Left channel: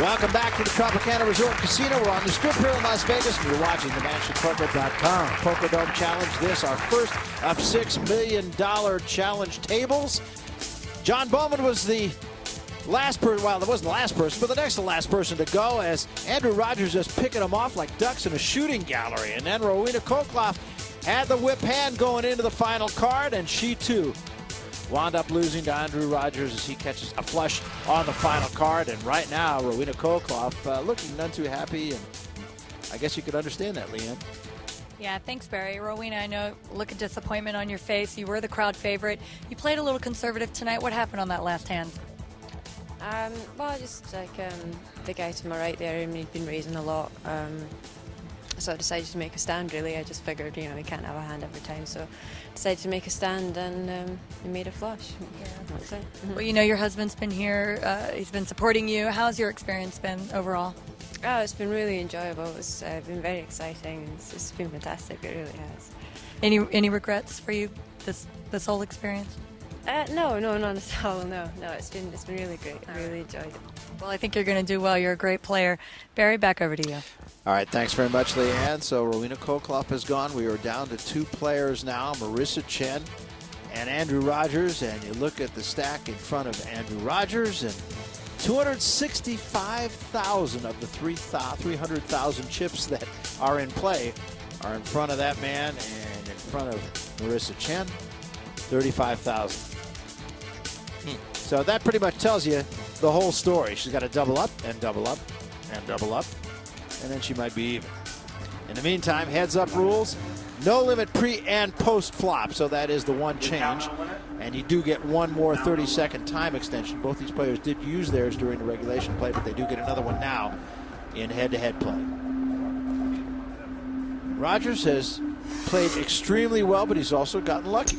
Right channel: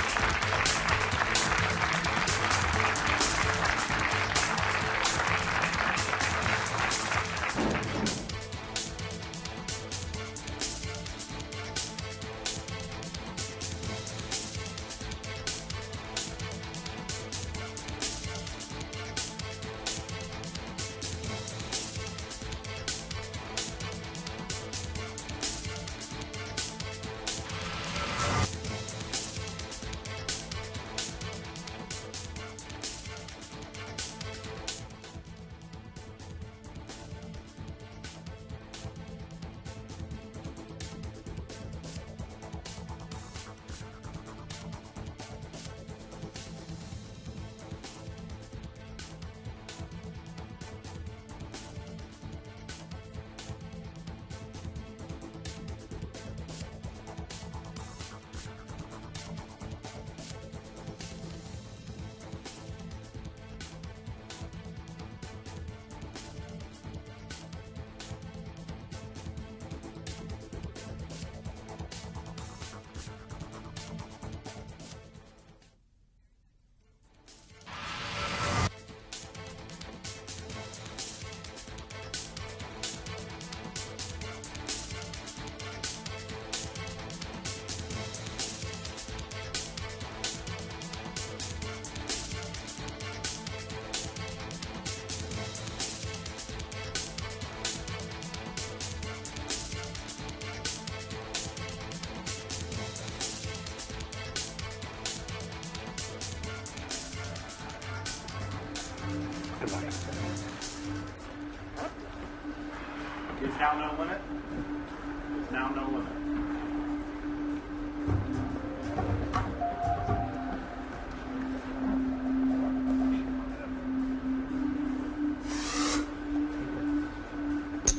Welcome back to the Tropicana Resort Casino. We're on the strip here in Las Vegas. You're watching the MansionPoker.com Poker Dome Challenge. This our first of $6 million challenge tables. John Bowman was the last person, well, it wasn't the last person, but the next to last person to go, as Andrew Rogers just picking them off like ducks in a shooting gallery. And then Rowena Kokloff had the whip hand going into the final card, and she too wound up losing to Andrew Rogers as he catches a flush on the final card. And right now, Rowena Kokloff looking none too happy, and I guess you could understand that, Leanne. Yeah, thanks, Barry. Rowena, I know, look at disappointment on your face. You were the crowd favorite. You played a little conservative tonight. What happened on that last hand? Well, just like the guy to my right there, he'd been raising a lot. So I decided to make a stand, really. I just figured, you know, we can't have a hand every time. So I decided to make a stand and made a flush. That's it. Well, you know, your husband's been here. He's been supporting you. How's your experience been overall? Oh, it's been really enjoyable. It's been very exciting. It's been fantastic. It really has. Any regrets for you this whole experience? No, not at all. No, it's been really great. I really enjoyed it. Well, I think you're going to do well. You're a great player. Barry, back over to you. All right, thanks very much, Leanne. So Rowena Kokloff is gone. We are down to two players now, Marissa Chen and Andrew Rogers. And you look at the stack in front of Andrew Rogers, and 265,000 of the 300,000 chips that are in play are in front of that man, and in front of Marissa Chen, 35,000. So that pretty much tells you the whole story. She's got to double up and double up and double up, and then she might be even. In the meantime, heads up rules, no limit pre and post flop, so that is the one change. And you do get one more 30-second time extension. Both these players did use theirs during the regulation play, but they do get another one now in head-to-head play. Rogers has played extremely well, but he's also gotten lucky.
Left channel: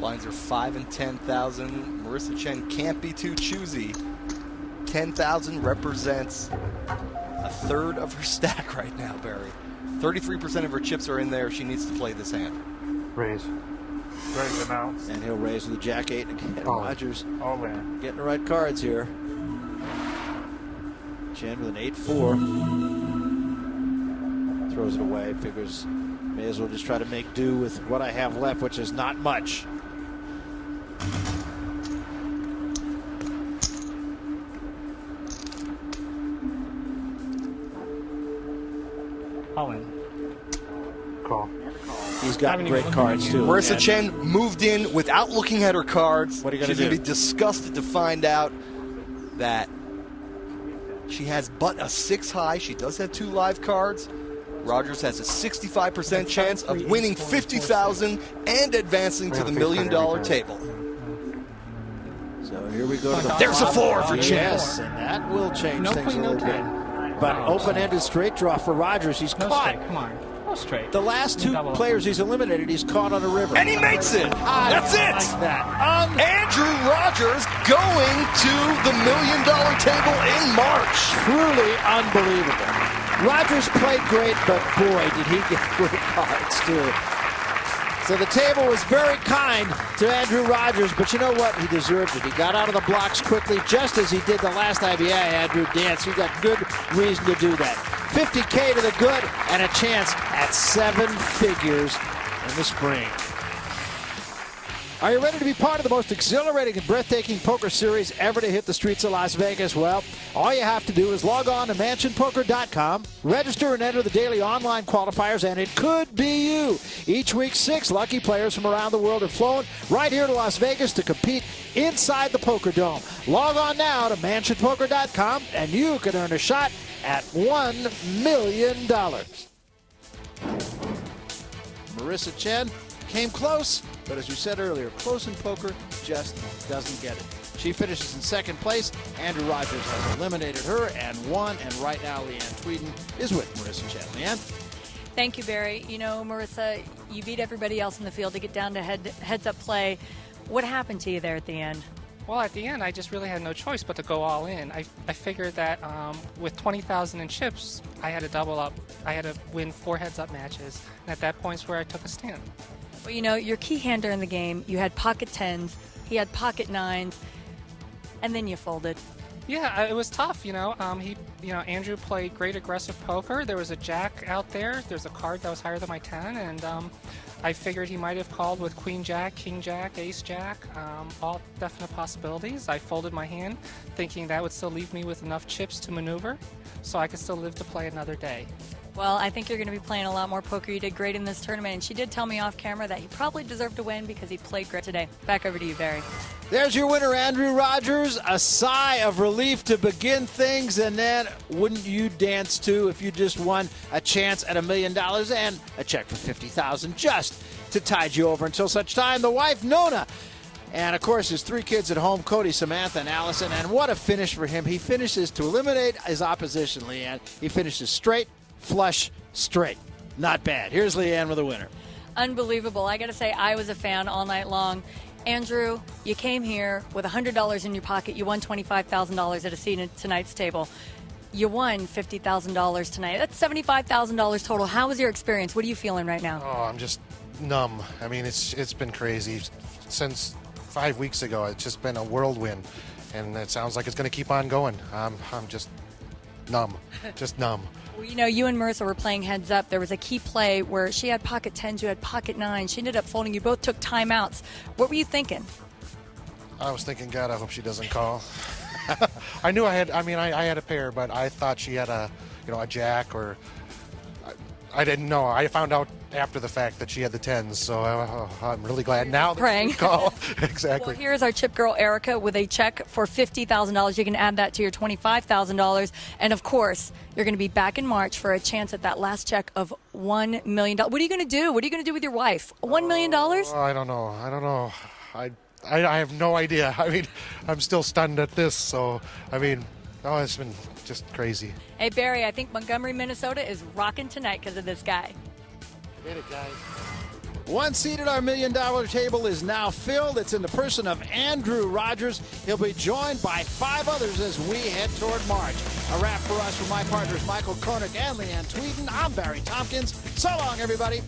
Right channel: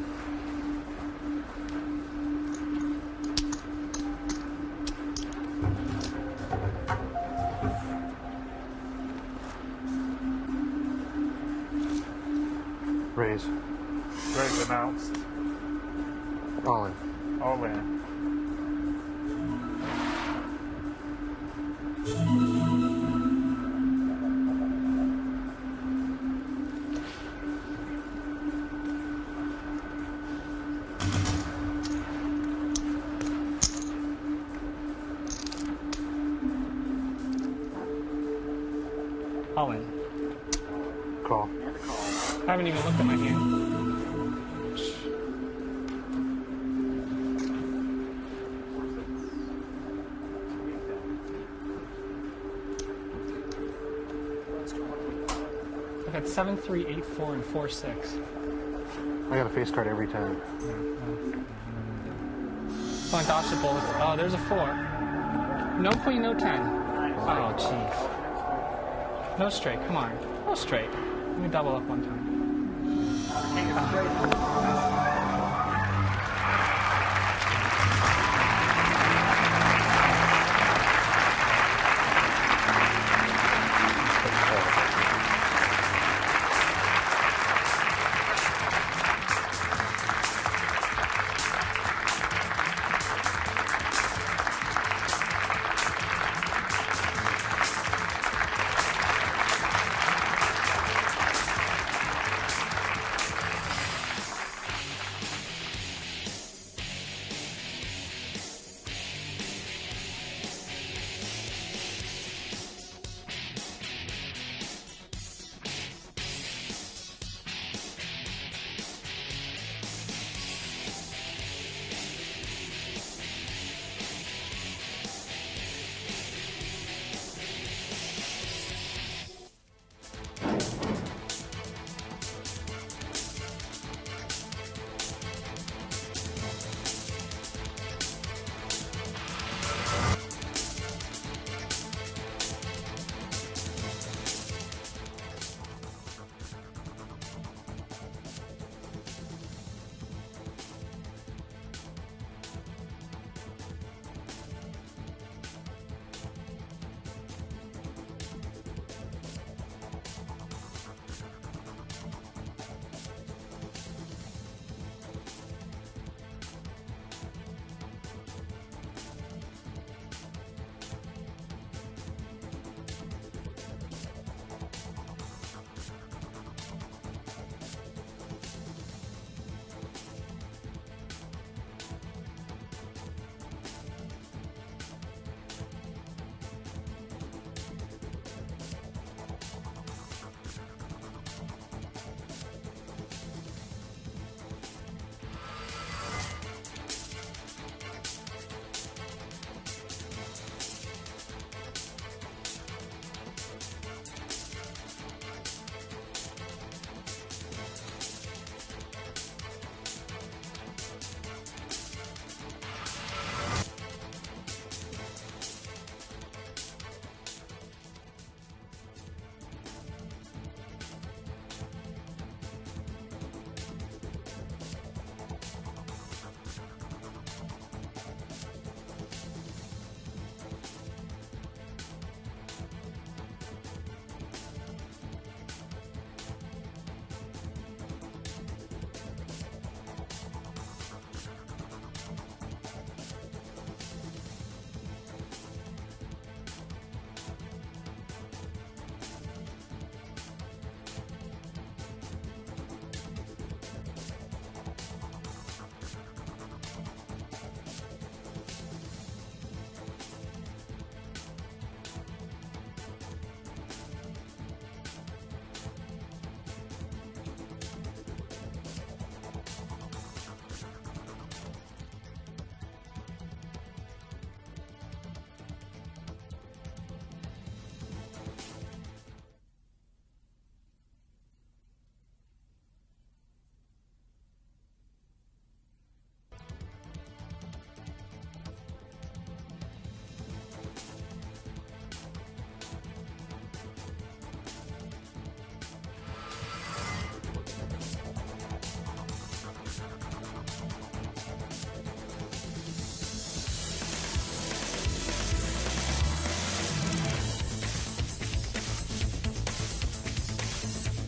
Lines are 5 and 10,000. Marissa Chen can't be too choosy. 10,000 represents a third of her stack right now, Barry. 33% of her chips are in there. She needs to play this hand. Raise. Raise them out. And he'll raise with the Jack 8 again. All Rogers all in. getting the right cards here. Chen with an 8-4. Throws it away. Figures may as well just try to make do with what I have left, which is not much. All in. Call. He's got great cards too. Marissa Chen moved in without looking at her cards. What are you gonna She's do? going to be disgusted to find out that she has but a 6 high. She does have 2 live cards. Rogers has a 65% chance of winning 50,000 and advancing to the $1 million table. So here we go. There's a 4 for Yes, Chen. that will change. No things queen, a no little bit. 10. But Oh, open-ended straight draw for Rogers. He's No caught. straight, come on. No straight. The last two Double up players one. he's eliminated, he's caught on the river. And he makes it. That's it. Andrew Rogers going to the $1 million table in March. Truly unbelievable. Rogers played great, but boy, did he get good cards too. So the table was very kind to Andrew Rogers, but you know what? He deserved it. He got out of the blocks quickly, just as he did the last IBI Andrew Dance. He got good reason to do that. 50K to the good and a chance at 7 figures in the spring. Are you ready to be part of the most exhilarating and breathtaking poker series ever to hit the streets of Las Vegas? Well, all you have to do is log on to MansionPoker.com, register and enter the daily online qualifiers, and it could be you. Each week, 6 lucky players from around the world have flown right here to Las Vegas to compete inside the Poker Dome. Log on now to MansionPoker.com, and you can earn a shot at $1 million. Marissa Chen came close, but as we said earlier, close in poker just doesn't get it. She finishes in second place. Andrew Rogers has eliminated her and won, and right now Leanne Tweeden is with Marissa Chen. Leanne? Thank you, Barry. You know, Marissa, you beat everybody else in the field to get down to heads-up play. What happened to you there at the end? Well, at the end, I just really had no choice but to go all in. I figured that with 20,000 in chips, I had to double up. I had to win 4 heads-up matches. And at that point's where I took a stand. Well, you know, your key hand during the game, you had pocket 10s, he had pocket 9s, and then you folded. Yeah, it was tough, you know. Andrew played great aggressive poker. There was a jack out there. There's a card that was higher than my 10, and I figured he might have called with queen jack, king jack, ace jack, all definite possibilities. I folded my hand, thinking that would still leave me with enough chips to maneuver, so I could still live to play another day. Well, I think you're going to be playing a lot more poker. You did great in this tournament, and she did tell me off camera that you probably deserve to win because he played great today. Back over to you, Barry. There's your winner, Andrew Rogers. A sigh of relief to begin things, and then wouldn't you dance too if you just won a chance at $1 million and a check for $50,000 just to tide you over until such time. The wife, Nona, and of course his 3 kids at home, Cody, Samantha, and Allison. And what a finish for him. He finishes to eliminate his opposition, Leanne. He finishes straight, flush, straight. Not bad. Here's Leanne with a winner. Unbelievable. I got to say, I was a fan all night long. Andrew, you came here with $100 in your pocket. You won $25,000 at a seat at tonight's table. You won $50,000 tonight. That's $75,000 total. How was your experience? What are you feeling right now? Oh, I'm just numb. I mean, it's been crazy. Since 5 weeks ago, it's just been a whirlwind. And it sounds like it's going to keep on going. I'm just numb. Just numb. Well, you know, you and Marissa were playing heads up. There was a key play where she had pocket 10s, you had pocket 9. She ended up folding. You both took timeouts. What were you thinking? I was thinking, God, I hope she doesn't call. I knew I had a pair, but I thought she had a jack, or I didn't know. I found out after the fact that she had the 10s, so I'm really glad now. Praying. Call. Exactly. Well, here's our chip girl, Erica, with a check for $50,000. You can add that to your $25,000. And, of course, you're going to be back in March for a chance at that last check of $1 million. What are you going to do? What are you going to do with your wife? $1 million? I don't know. I have no idea. I mean, I'm still stunned at this, so, I mean, it's been just crazy. Hey, Barry, I think Montgomery, Minnesota is rocking tonight because of this guy. One seat at our $1 million table is now filled. It's in the person of Andrew Rogers. He'll be joined by 5 others as we head toward March. A wrap for us from my partners Michael Koenig and Leanne Tweeden. I'm Barry Tompkins. So long, everybody.